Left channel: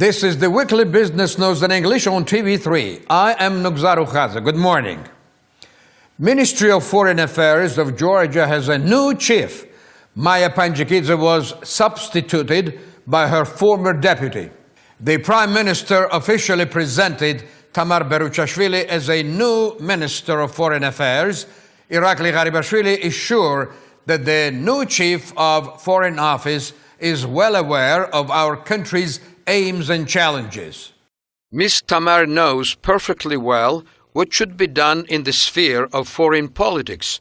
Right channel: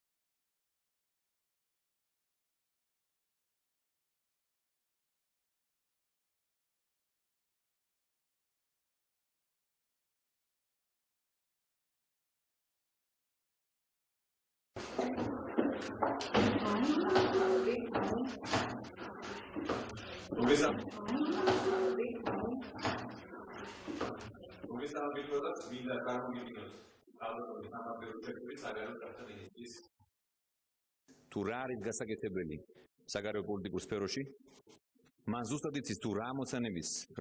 This is the weekly business news in English on TV3. I am Nugzaru Khaza. Good morning. Ministry of Foreign Affairs of Georgia has a new chief. Maya Panjikidze was substituted by her former deputy. The Prime Minister officially presented Tamar Beruchashvili as a new Minister of Foreign Affairs. Irakli Garibashvili is sure that the new Chief of Foreign Office is well aware of our country's aims and challenges. Ms. Tamar knows perfectly well what should be done in the sphere of foreign politics.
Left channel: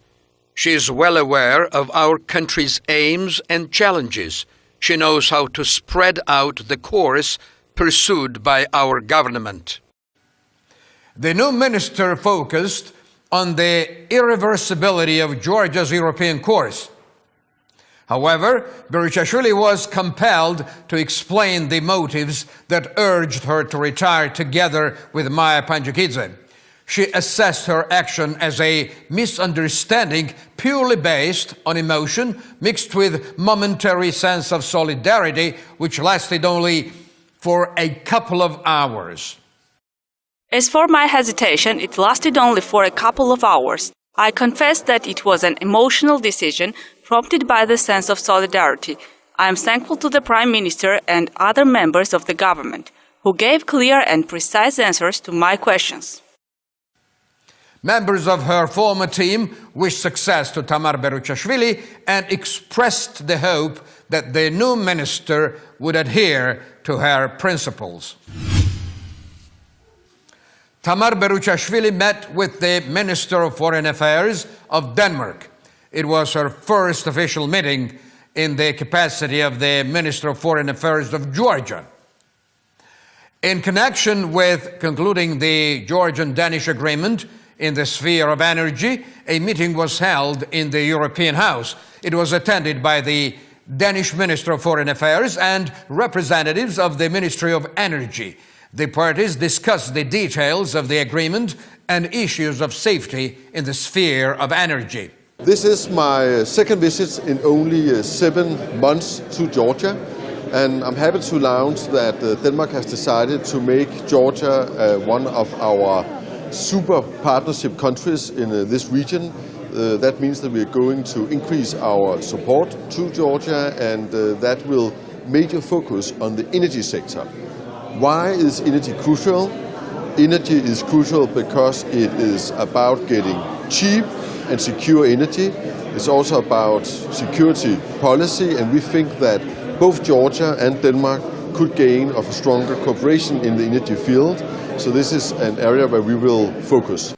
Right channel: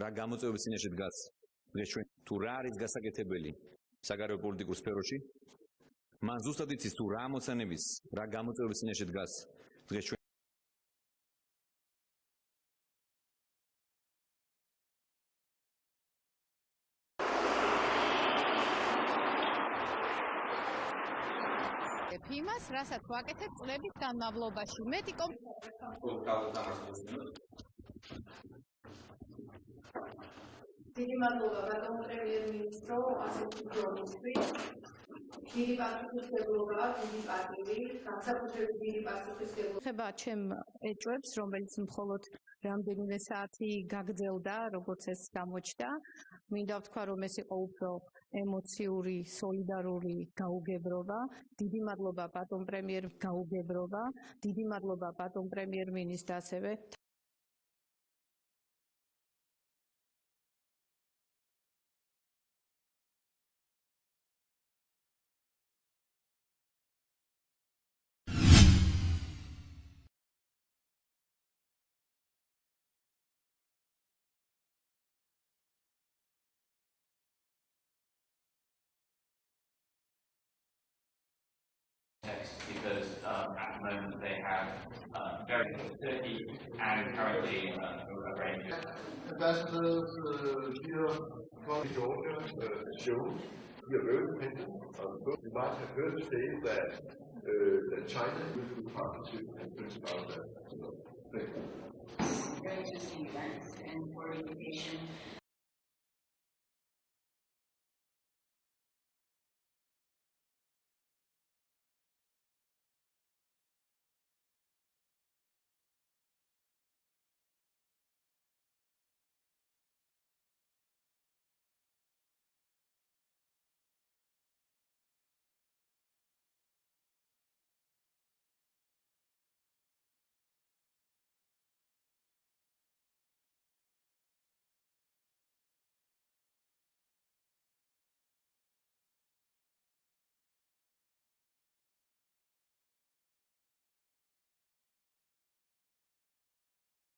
She is well aware of our country's aims and challenges. She knows how to spread out the course pursued by our government. The new minister focused on the irreversibility of Georgia's European course. However, Beruchashvili was compelled to explain the motives that urged her to retire together with Maya Panjikidze. She assessed her action as a misunderstanding purely based on emotion mixed with momentary sense of solidarity, which lasted only for a couple of hours. As for my hesitation, it lasted only for a couple of hours. I confess that it was an emotional decision prompted by the sense of solidarity. I am thankful to the Prime Minister and other members of the government, who gave clear and precise answers to my questions. Members of her former team wished success to Tamar Beruchashvili and expressed the hope that the new minister would adhere to her principles. Tamar Beruchashvili met with the Minister of Foreign Affairs of Denmark. It was her first official meeting in the capacity of the Minister of Foreign Affairs of Georgia. In connection with concluding the Georgian-Danish agreement in the sphere of energy, a meeting was held in the European House. It was attended by the Danish Minister of Foreign Affairs and representatives of the Ministry of Energy. The parties discussed the details of the agreement and issues of safety in the sphere of energy. This is my second visit in only 7 months to Georgia, and I'm happy to announce that Denmark has decided to make Georgia one of our super partnership countries in this region. That means that we're going to increase our support to Georgia, and that will major focus on the energy sector. Why is energy crucial? Energy is crucial because it is about getting cheap and secure energy. It's also about security policy, and we think that both Georgia and Denmark could gain of a stronger cooperation in the energy field. So this is an area where we will focus.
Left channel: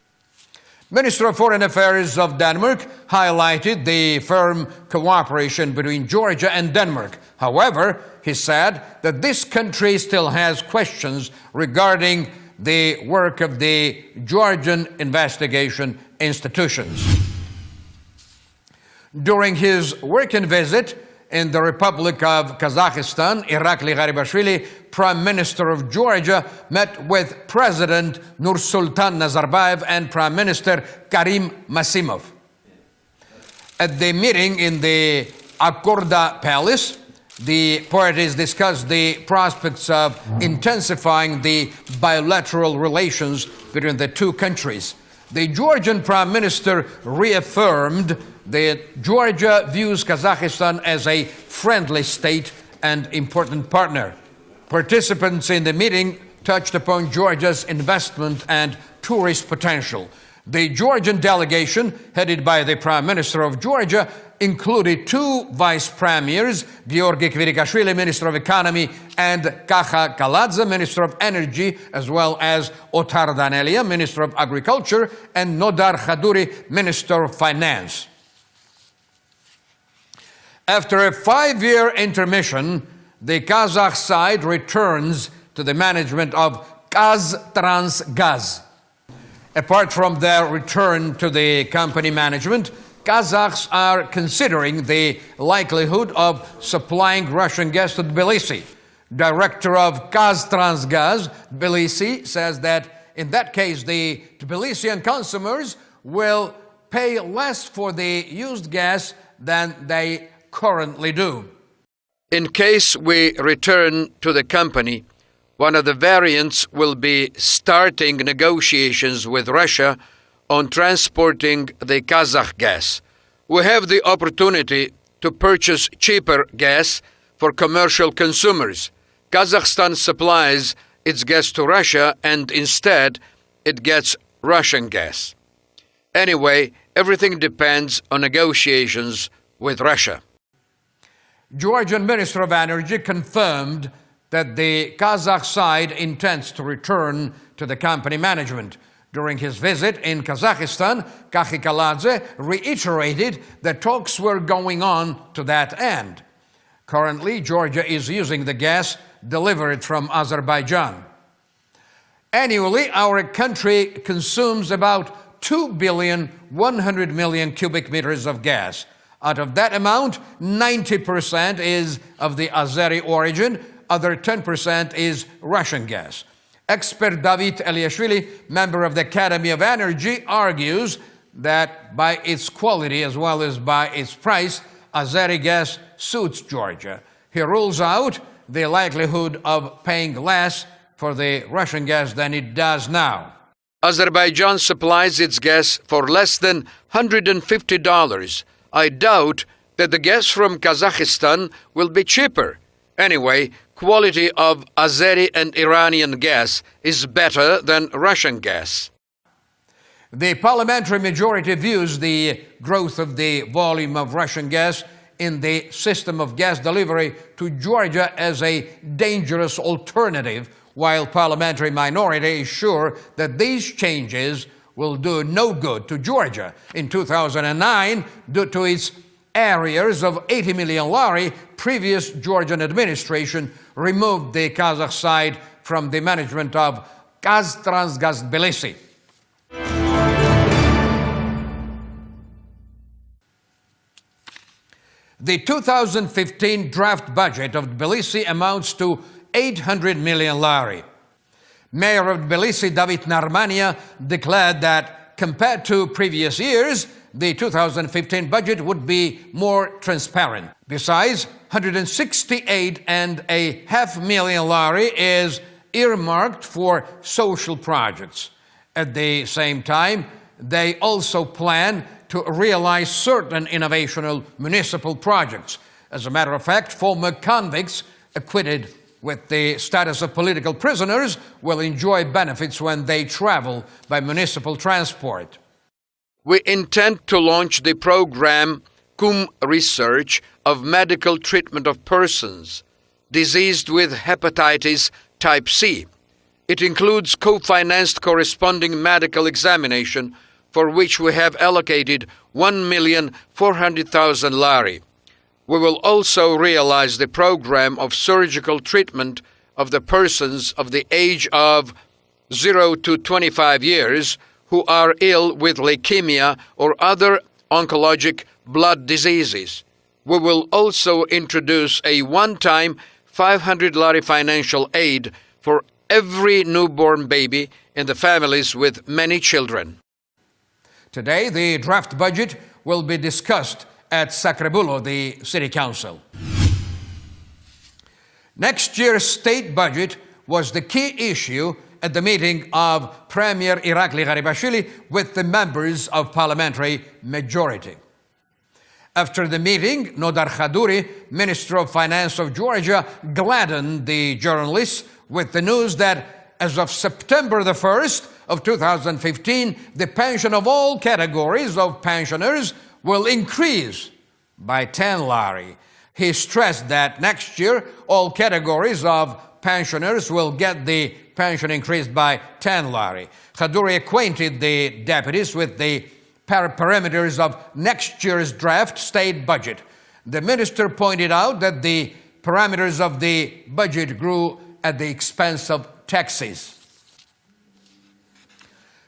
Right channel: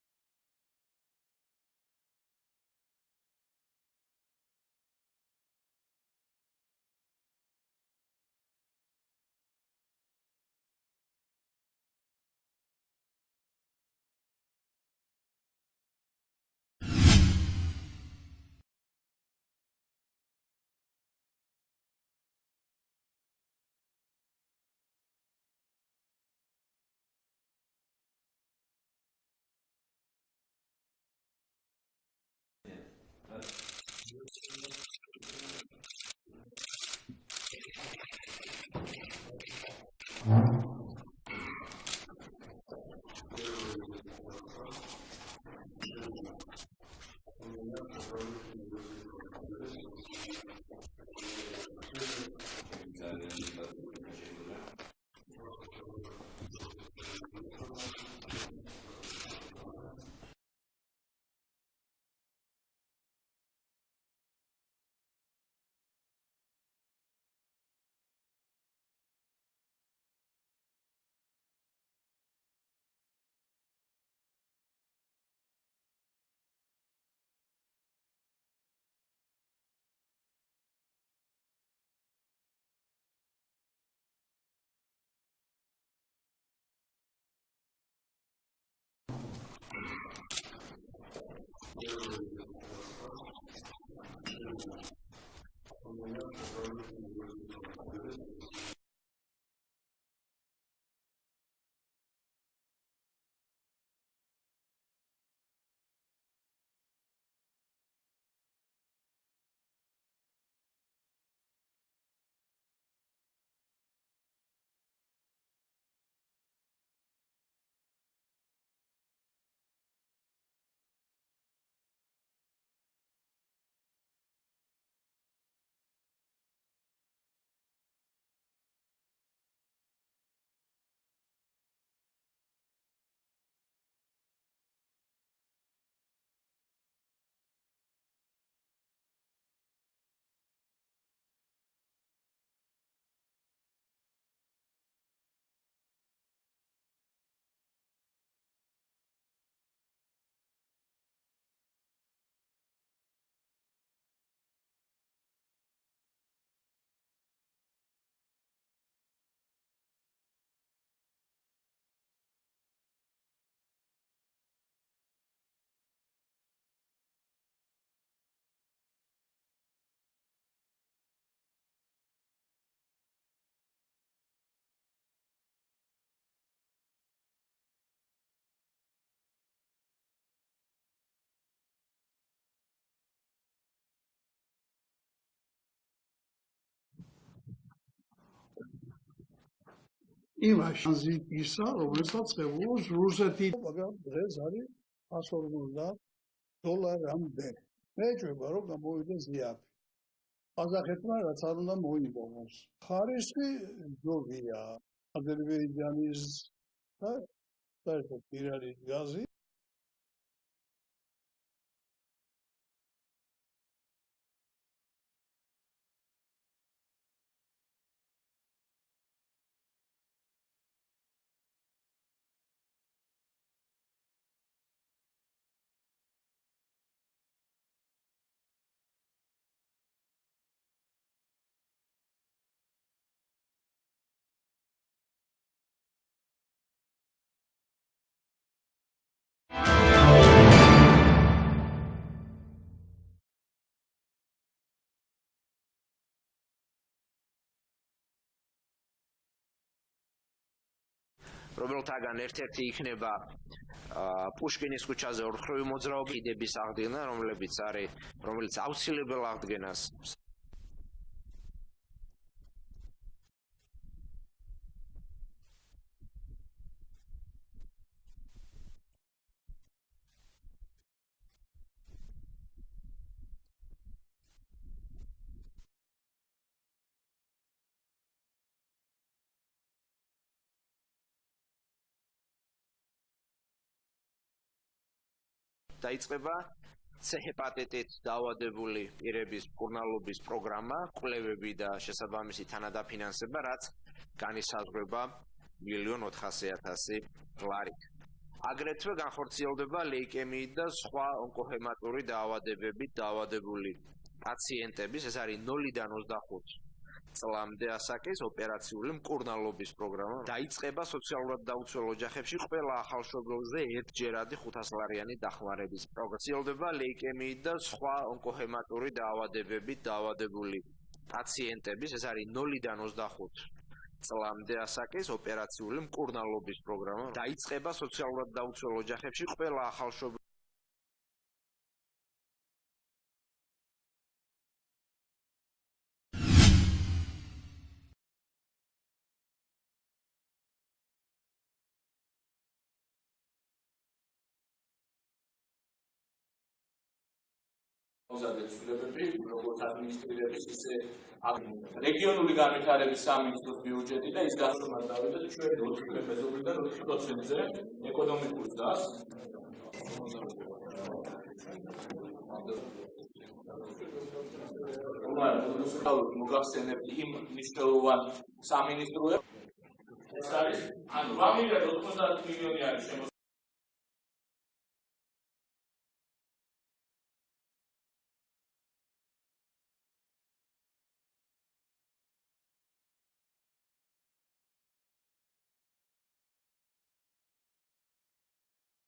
Minister of Foreign Affairs of Denmark highlighted the firm cooperation between Georgia and Denmark. However, he said that this country still has questions regarding the work of the Georgian investigation institutions. During his working visit in the Republic of Kazakhstan, Irakli Garibashvili, Prime Minister of Georgia, met with President Nursultan Nazarbayev and Prime Minister Karim Masimov. At the meeting in the Akorda Palace, the parties discussed the prospects of intensifying the bilateral relations between the two countries. The Georgian Prime Minister reaffirmed that Georgia views Kazakhstan as a friendly state and important partner. Participants in the meeting touched upon Georgia's investment and tourist potential. The Georgian delegation, headed by the Prime Minister of Georgia, included 2 vice premiers, Georgi Kvirikashvili, Minister of Economy, and Kaha Kaladze, Minister of Energy, as well as Otar Danelia, Minister of Agriculture, and Nodar Khaduri, Minister of Finance. After a 5-year intermission, the Kazakh side returns to the management of Kaztransgaz. Apart from their return to the company management, Kazakhs are considering the likelihood of supplying Russian gas to Tbilisi. Director of Kaztransgaz, Tbilisi, says that in that case, the Tbilisian consumers will pay less for the used gas than they currently do. In case we return to the company, One of the variants will be starting negotiations with Russia on transporting the Kazakh gas. We have the opportunity to purchase cheaper gas for commercial consumers. Kazakhstan supplies its gas to Russia, and instead it gets Russian gas. Anyway, everything depends on negotiations with Russia. Georgian Minister of Energy confirmed that the Kazakh side intends to return to the company management. During his visit in Kazakhstan, Kakhikaladze reiterated that talks were going on to that end. Currently, Georgia is using the gas delivered from Azerbaijan. Annually, our country consumes about 2,100,000,000 cubic meters of gas. Out of that amount, 90% is of the Azeri origin, other 10% is Russian gas. Expert David Eliashvili, member of the Academy of Energy, argues that by its quality as well as by its price, Azeri gas suits Georgia. He rules out the likelihood of paying less for the Russian gas than it does now. Azerbaijan supplies its gas for less than $150. I doubt that the gas from Kazakhstan will be cheaper. Anyway, quality of Azeri and Iranian gas is better than Russian gas. The parliamentary majority views the growth of the volume of Russian gas in the system of gas delivery to Georgia as a dangerous alternative, while parliamentary minority is sure that these changes will do no good to Georgia. In 2009, due to its arrears of 80 million lari, previous Georgian administration removed the Kazakh side from the management of Gaztransgaz Tbilisi. The 2015 draft budget of Tbilisi amounts to 800 million lari. Mayor of Tbilisi, David Narmania, declared that compared to previous years, the 2015 budget would be more transparent. Besides, 168.5 million lari is earmarked for social projects. At the same time, they also plan to realize certain innovational municipal projects. As a matter of fact, former convicts acquitted with the status of political prisoners will enjoy benefits when they travel by municipal transport. We intend to launch the program CUM Research of medical treatment of persons diseased with hepatitis type C. It includes co-financed corresponding medical examination, for which we have allocated 1,400,000 lari. We will also realize the program of surgical treatment of the persons of the age of 0 to 25 years who are ill with leukemia or other oncologic blood diseases. We will also introduce a one-time 500 lari financial aid for every newborn baby in the families with many children. Today, the draft budget will be discussed at Sacrebulo, the city council. Next year's state budget was the key issue at the meeting of Premier Irakli Garibashvili with the members of parliamentary majority. After the meeting, Nodar Khaduri, Minister of Finance of Georgia, gladdened the journalists with the news that as of September the 1st of 2015, the pension of all categories of pensioners will increase by 10 lari. He stressed that next year, all categories of pensioners will get the pension increased by 10 lari. Khaduri acquainted the deputies with the parameters of next year's draft state budget. The minister pointed out that the parameters of the budget grew at the expense of taxes.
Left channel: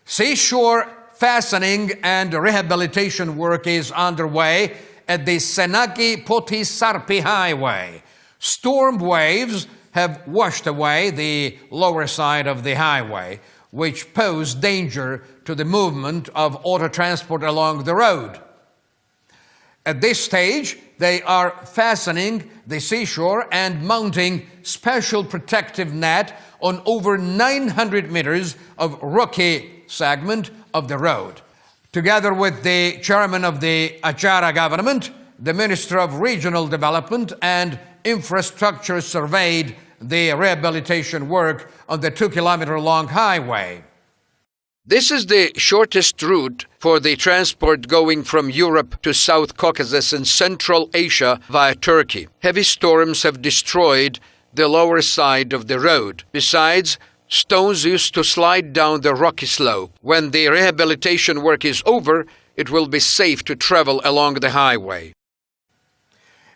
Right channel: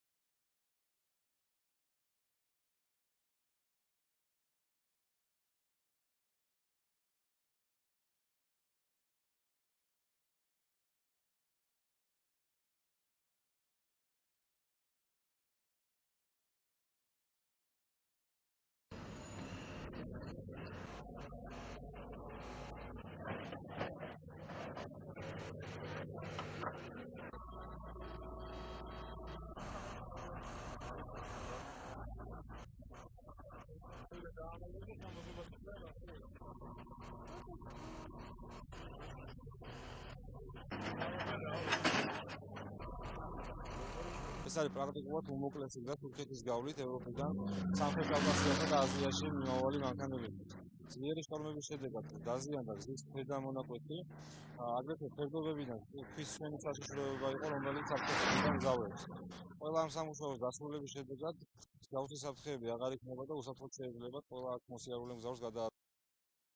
Seashore fastening and rehabilitation work is underway at the Senaki-Poti-Sarpi highway. Storm waves have washed away the lower side of the highway, which pose danger to the movement of auto transport along the road. At this stage, They are fastening the seashore and mounting special protective net on over 900 meters of rocky segment of the road. Together with the chairman of the Achara government, the Minister of Regional Development and Infrastructure surveyed the rehabilitation work on the 2-kilometer-long highway. This is the shortest route for the transport going from Europe to South Caucasus and Central Asia via Turkey. Heavy storms have destroyed the lower side of the road. Besides, stones used to slide down the rocky slope. When the rehabilitation work is over, it will be safe to travel along the highway.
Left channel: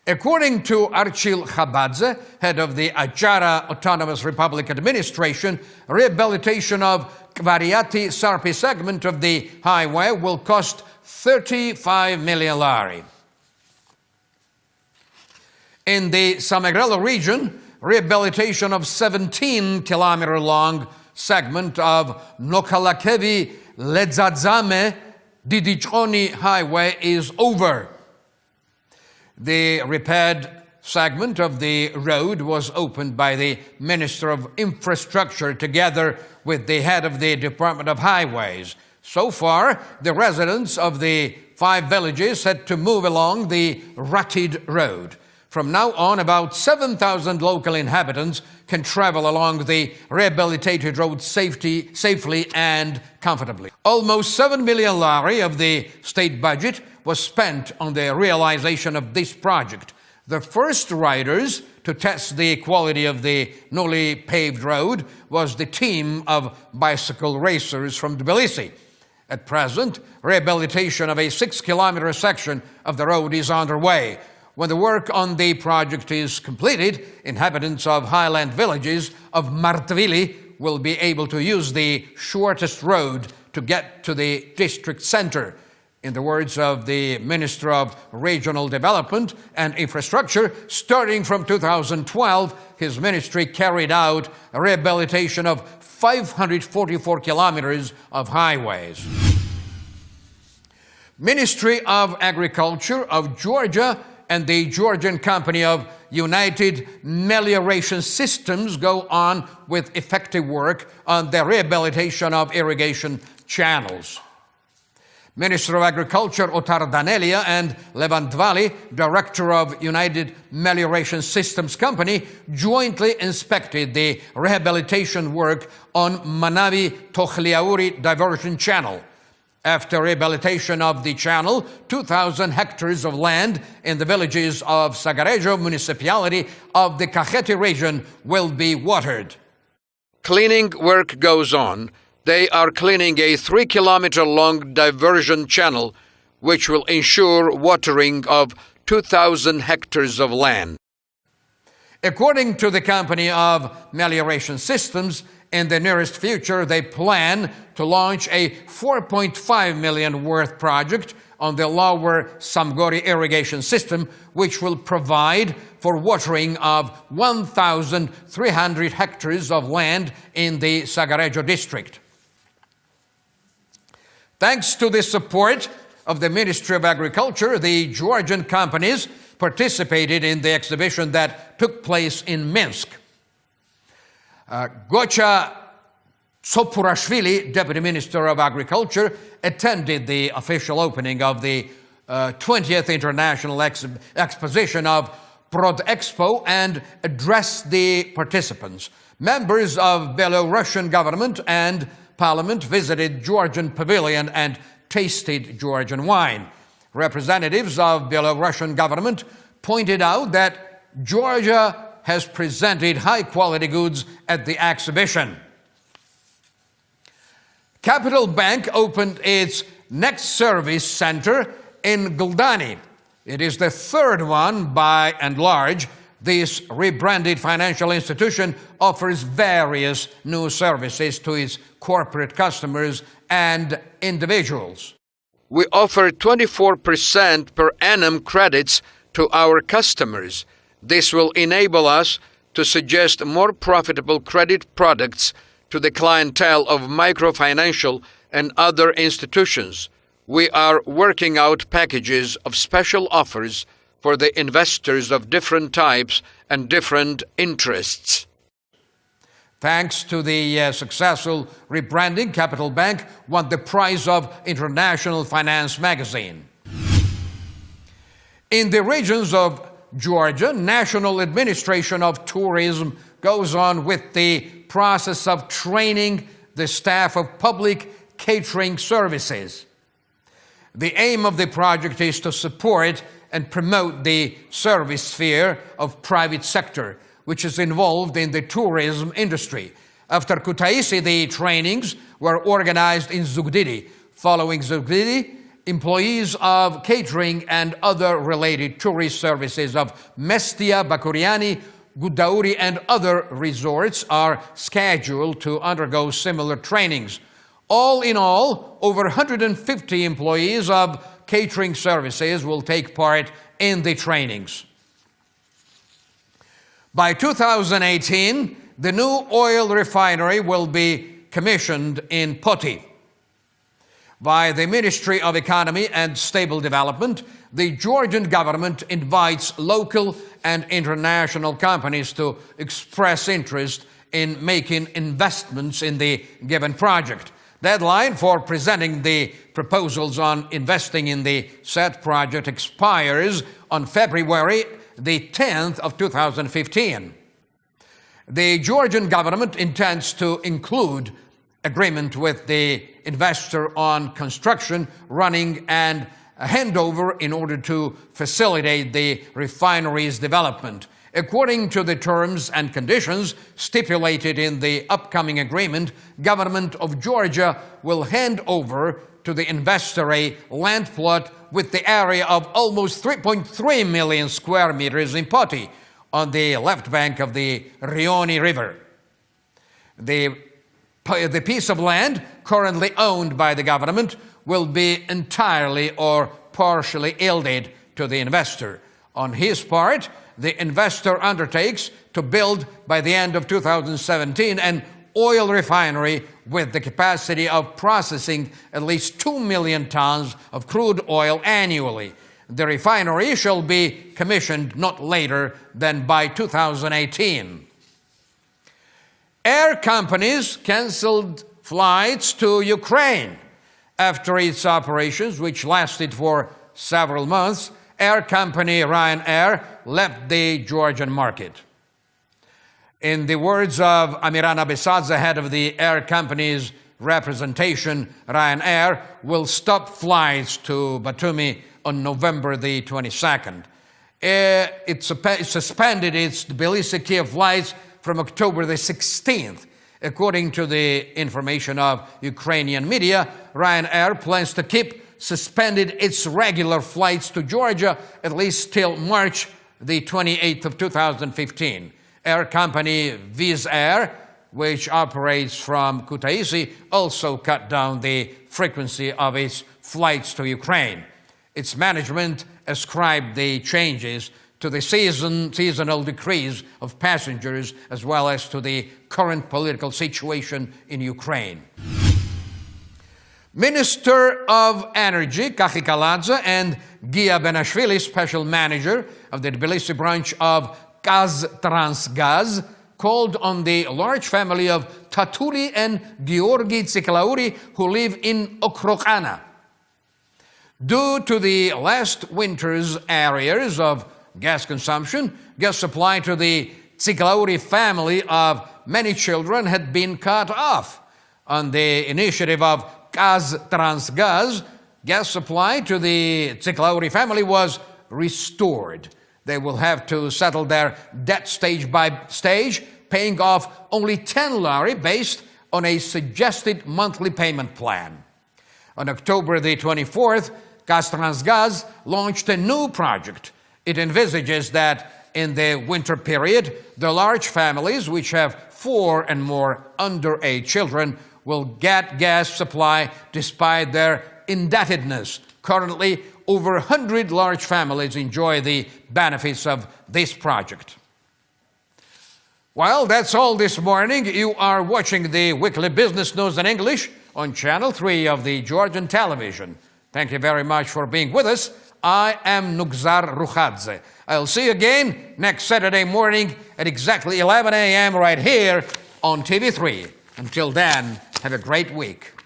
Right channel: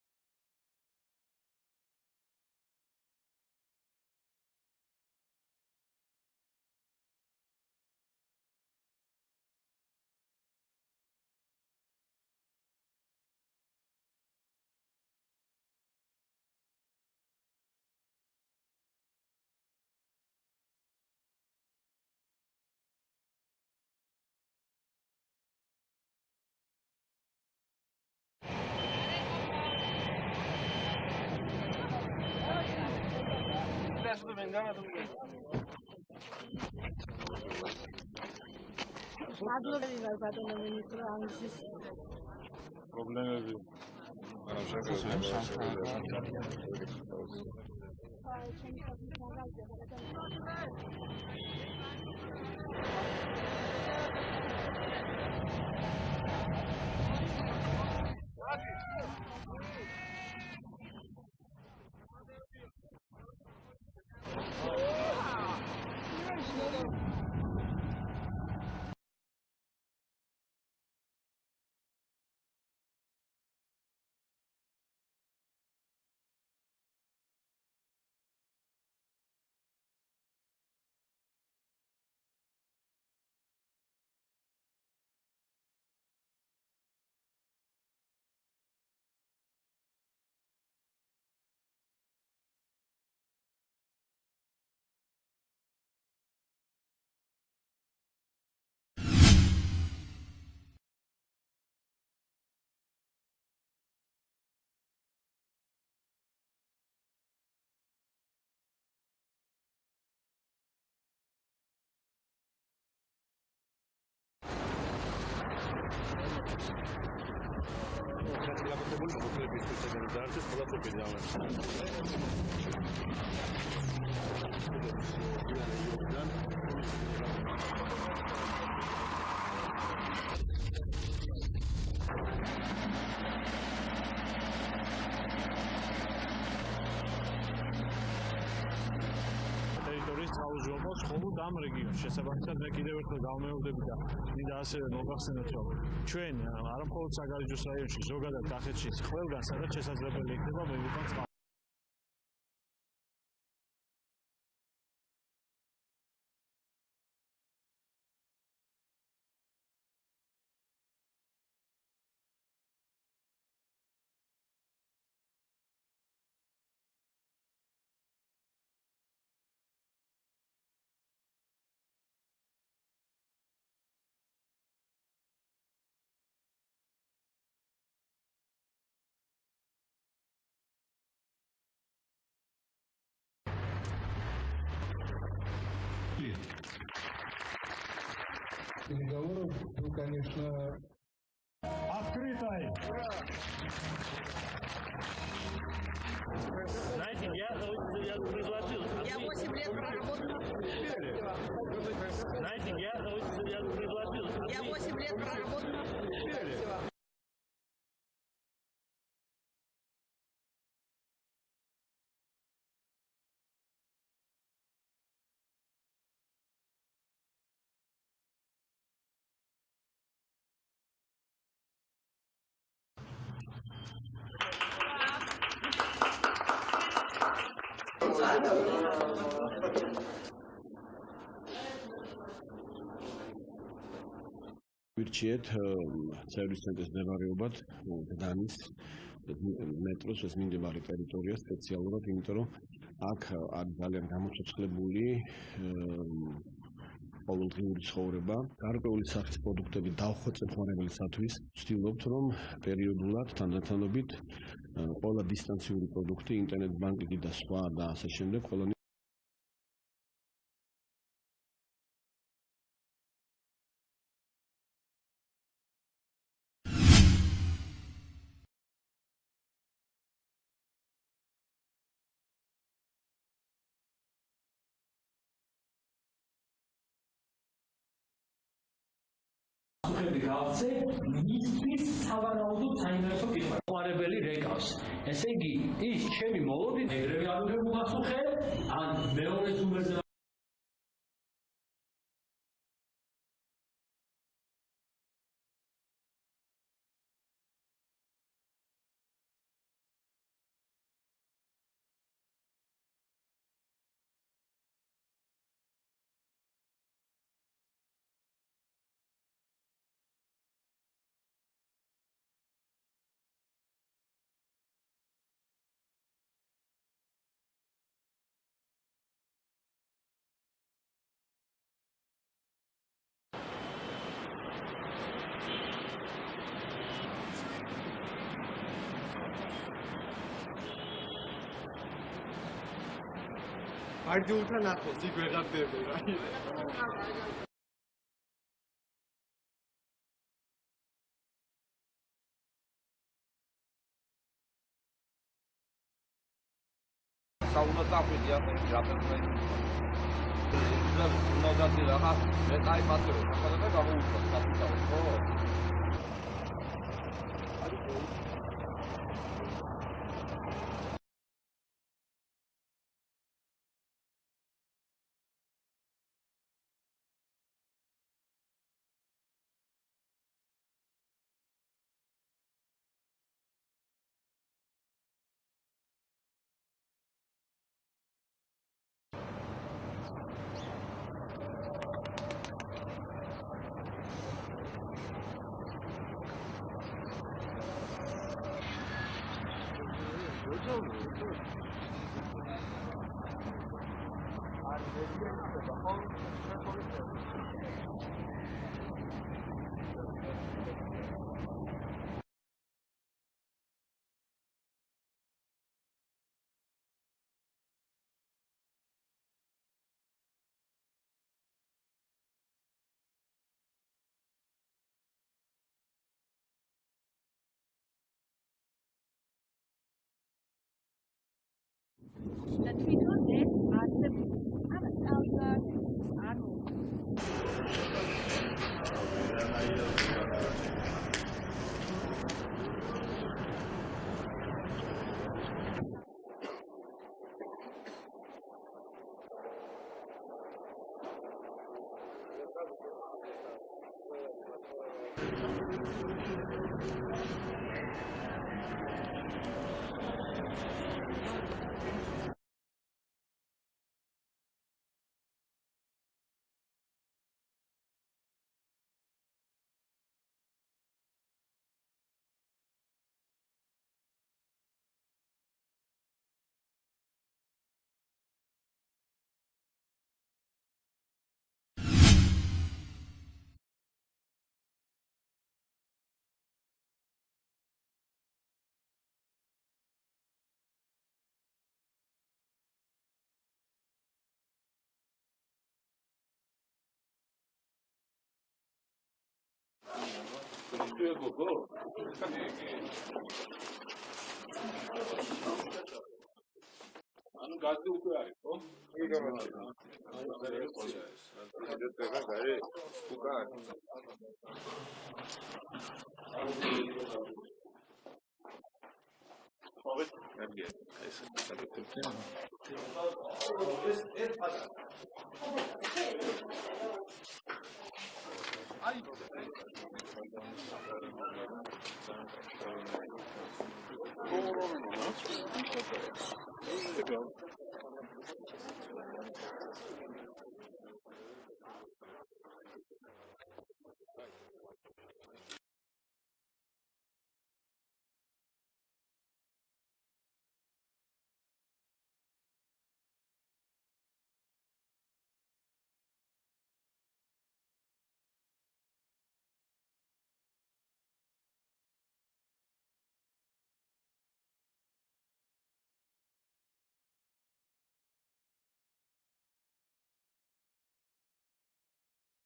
According to Archil Khabadze, head of the Achara Autonomous Republic Administration, rehabilitation of Kvariati-Sarpi segment of the highway will cost 35 million lari. In the Samegrelo region, rehabilitation of 17-kilometer-long segment of Nokalakevi-Ledzadzame-Didichoni highway is over. The repaired segment of the road was opened by the Minister of Infrastructure together with the head of the Department of Highways. So far, the residents of the 5 villages had to move along the rutted road. From now on, about 7,000 local inhabitants can travel along the rehabilitated road safely and comfortably. Almost 7 million lari of the state budget was spent on the realization of this project. The first riders to test the quality of the newly paved road was the team of bicycle racers from Tbilisi. At present, rehabilitation of a 6-kilometer section of the road is underway. When the work on the project is completed, inhabitants of highland villages of Martvili will be able to use the shortest road to get to the district center. In the words of the Minister of Regional Development and Infrastructure, starting from 2012, his ministry carried out a rehabilitation of 544 kilometers of highways. Ministry of Agriculture of Georgia and the Georgian company of United Melioration Systems go on with effective work on the rehabilitation of irrigation channels. Minister of Agriculture Otar Danelia and Levan Dvali, director of United Melioration Systems Company, jointly inspected the rehabilitation work on Manavi-Tokhliauri diversion channel. After rehabilitation of the channel, 2,000 hectares of land in the villages of Sagarejo municipality of the Kakheti region will be watered. Cleaning work goes on. They are cleaning a 3-kilometer-long diversion channel, which will ensure watering of 2,000 hectares of land. According to the company of Melioration Systems, in the nearest future, they plan to launch a 4.5 million worth project on the lower Samgori irrigation system, which will provide for watering of 1,300 hectares of land in the Sagarejo district. Thanks to the support of the Ministry of Agriculture, the Georgian companies participated in the exhibition that took place in Minsk. Gocha Sopurashvili, Deputy Minister of Agriculture, attended the official opening of the 20th International Exposition of Prodexpo and addressed the participants. Members of Belarusian government and Parliament visited Georgian pavilion and tasted Georgian wine. Representatives of Belarusian government pointed out that Georgia has presented high-quality goods at the exhibition. Capital Bank opened its next service center in Guldani. It is the third one by and large. This rebranded financial institution offers various new services to its corporate customers and individuals. We offer 24% per annum credits to our customers. This will enable us to suggest more profitable credit products to the clientele of microfinancial and other institutions. We are working out packages of special offers for the investors of different types and different interests. Thanks to the successful rebranding, Capital Bank won the prize of International Finance magazine. In the regions of Georgia, National Administration of Tourism goes on with the process of training the staff of public catering services. The aim of the project is to support and promote the service sphere of private sector, which is involved in the tourism industry. After Kutaisi, the trainings were organized in Zugdidi. Following Zugdidi, employees of catering and other related tourist services of Mestia, Bakuriani, Gudauri, and other resorts are scheduled to undergo similar trainings. All in all, over 150 employees of catering services will take part in the trainings. By 2018, the new oil refinery will be commissioned in Poti. By the Ministry of Economy and Stable Development, the Georgian government invites local and international companies to express interest in making investments in the given project. Deadline for presenting the proposals on investing in the said project expires on February the 10th of 2015. The Georgian government intends to include agreement with the investor on construction, running, and handover in order to facilitate the refinery's development. According to the terms and conditions stipulated in the upcoming agreement, Government of Georgia will hand over to the investor a land plot with the area of almost 3.3 million square meters in Poti on the left bank of the Rioni River. The piece of land currently owned by the government will be entirely or partially yielded to the investor. On his part, the investor undertakes to build by the end of 2017 an oil refinery with the capacity of processing at least 2 million tons of crude oil annually. The refinery shall be commissioned not later than by 2018. Air companies canceled flights to Ukraine. After its operations, which lasted for several months, air company Ryanair left the Georgian market. In the words of Amirana Bisadze, head of the air company's representation, Ryanair will stop flights to Batumi on November the 22nd. It suspended its Tbilisi-Kiev flights from October the 16th. According to the information of Ukrainian media, Ryanair plans to keep suspended its regular flights to Georgia at least till March the 28th of 2015. Air company Wizz Air, which operates from Kutaisi, also cut down the frequency of its flights to Ukraine. Its management ascribed the changes to the seasonal decrease of passengers as well as to the current political situation in Ukraine. Minister of Energy Kachi Kaladze and Gia Benashvili, special manager of the Tbilisi branch of Transgaz, called on the large family of Tatuli and Georgi Tsiklauri who live in Okrokana. Due to the last winter's arrears of gas consumption, gas supply to the Tsiklauri family of many children had been cut off. On the initiative of Transgaz, gas supply to the Tsiklauri family was restored. They will have to settle their debt stage by stage, paying off only 10 lari based on a suggested monthly payment plan. On October the 24th, Transgaz launched a new project. It envisages that in the winter period, the large families, which have 4 and more underage children, will get gas supply despite their indebtedness. Currently, over 100 large families enjoy the benefits of this project. Well, that's all this morning. You are watching the weekly business news in English on Channel 3 of the Georgian television. Thank you very much for being with us. I am Nugzar Rukhadze. I'll see you again next Saturday morning at exactly 11 a.m. right here on TV3. Until then, have a great week.